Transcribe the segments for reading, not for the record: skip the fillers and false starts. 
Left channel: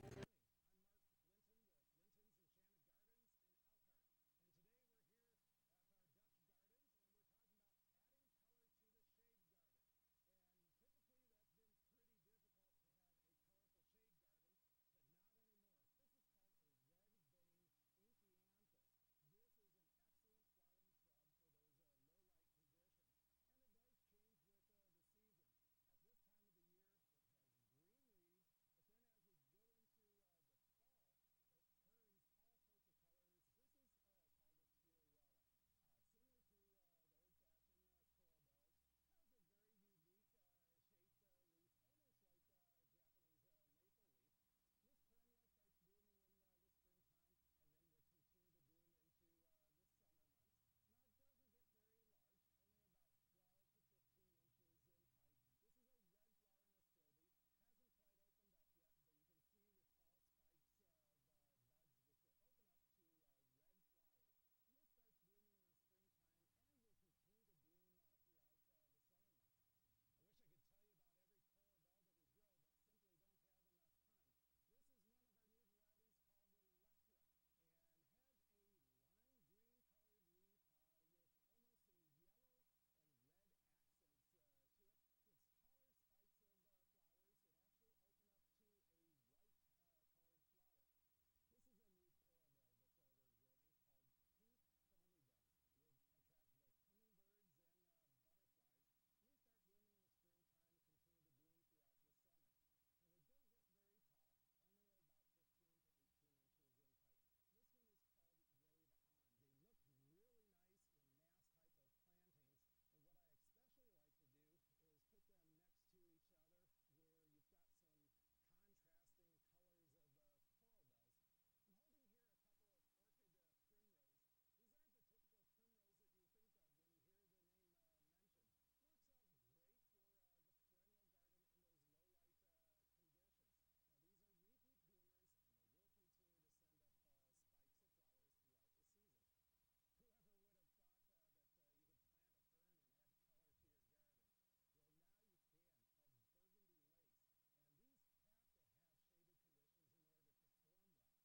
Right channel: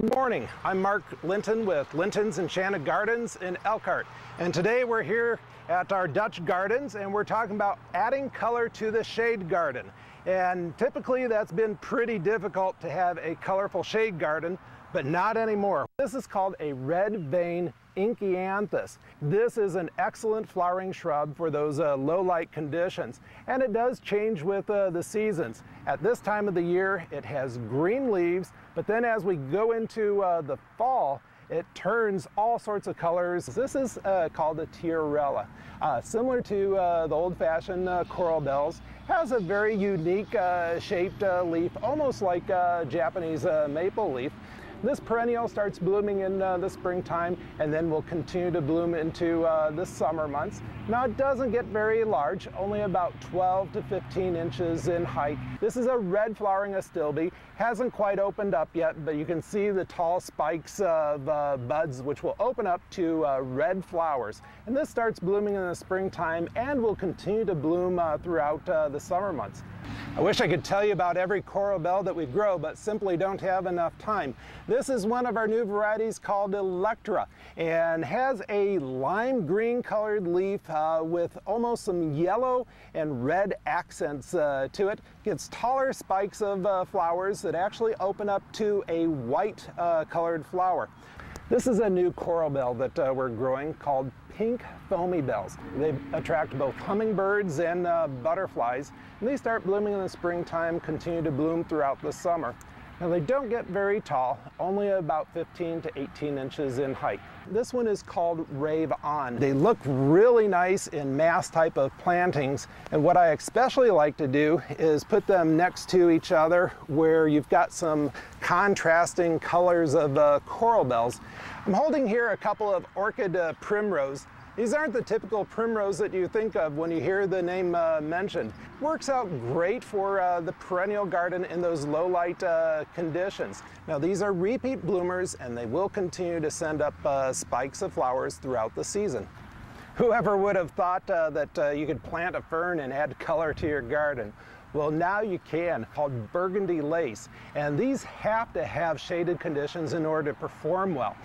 Good morning, I'm Mark Linton with Linton's Enchanted Gardens in Elkhart. And today we're here at our Dutch gardens and we're talking about adding color to the shade garden. And typically that's been pretty difficult to have a colorful shade garden, but not anymore. This is called a red vein Enchanted. This is an excellent flowering shrub for those low light conditions, and it does change with the seasons. At this time of the year it has green leaves, but then as we go into the fall it turns all sorts of colors. This is called a tiarella. Similar to the old-fashioned coral bells, has a very unique shaped leaf, almost like a Japanese maple leaf. This perennial starts blooming in the springtime and then will continue to bloom into the summer months. Now it doesn't get very large, only about 12 to 15 inches in height. This is a red flowering astilbe, hasn't quite opened up yet, but you can see the tall spikes of buds which will open up to red flowers. And this starts blooming in the springtime and will continue to bloom throughout the summer months. I wish I could tell you about every coral bell that we grow, but simply don't have enough time. This is one of our new varieties called Electra and has a lime green colored leaf with almost some yellow and red accents to it. Gets taller spikes of flowers that actually open up to a white colored flower. This is a new coral bell that we're growing called pink foamy bells. They attract both hummingbirds and butterflies, and they start blooming in the springtime, continue to bloom throughout the summer. Now they don't get very tall, only about 15 to 18 inches in height. This one is called Rave On. They look really nice in mass type of plantings, and what I especially like to do is put them next to each other where you've got some contrasting colors of coral bells. I'm holding here a couple of orchid primrose. These aren't the typical primrose that you think of when you hear the name mentioned. Works out great for the perennial garden in those low light conditions. Now these are repeat bloomers and they will continue to send up spikes of flowers throughout the season. Whoever would have thought that you could plant a fern and add color to your garden? Well, now you can, called burgundy lace. And these have to have shaded conditions in order to perform well.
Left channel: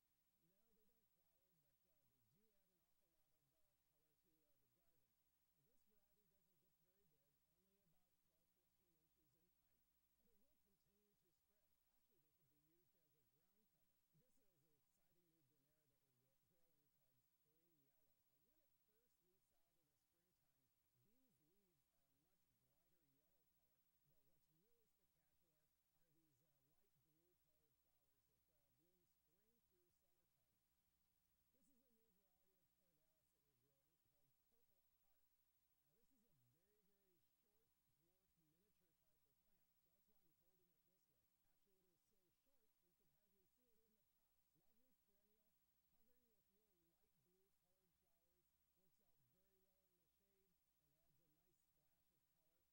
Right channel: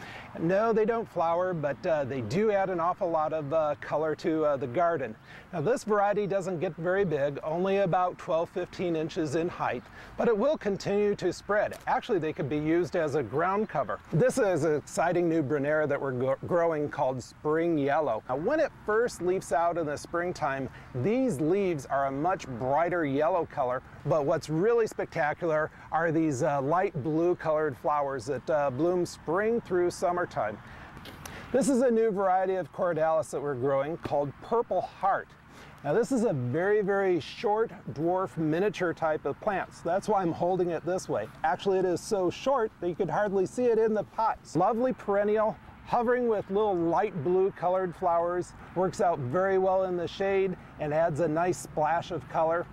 No, they don't flower, but they do add an awful lot of color to the garden. Now this variety doesn't get very big, only about 12-15 inches in height, but it will continue to spread. Actually, they could be used as a ground cover. This is an exciting new Brunera that we're growing called Spring Yellow. Now when it first leaves out in the springtime, these leaves are a much brighter yellow color, but what's really spectacular are these light blue colored flowers that bloom spring through summertime. This is a new variety of Cordalis that we're growing called Purple Heart. Now this is a very, very short dwarf miniature type of plant, so that's why I'm holding it this way. Actually, it is so short that you could hardly see it in the pot. Lovely perennial, hovering with little light blue colored flowers, works out very well in the shade and adds a nice splash of color.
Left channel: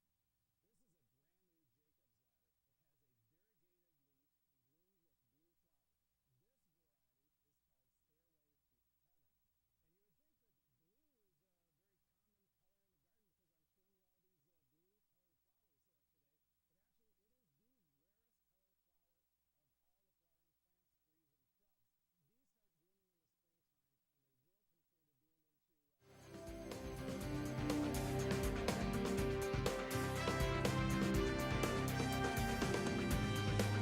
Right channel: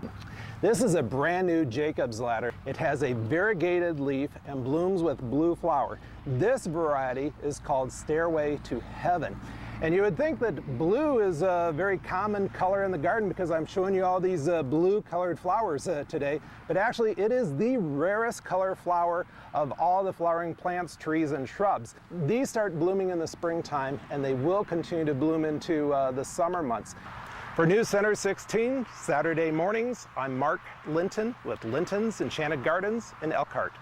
This is a brand new Jacob's ladder. It has a variegated leaf and blooms with blue flower. This variety is called Stairway to Heaven. And you would think that blue is a very common color in the garden because I'm showing you all these blue colored flowers today, but actually it is the rarest color flower of all the flowering plants, trees, and shrubs. These start blooming in the springtime and they will continue to bloom into the summer months. For News Center 16, Saturday mornings, I'm Mark Linton with Linton's Enchanted Gardens in Elkhart.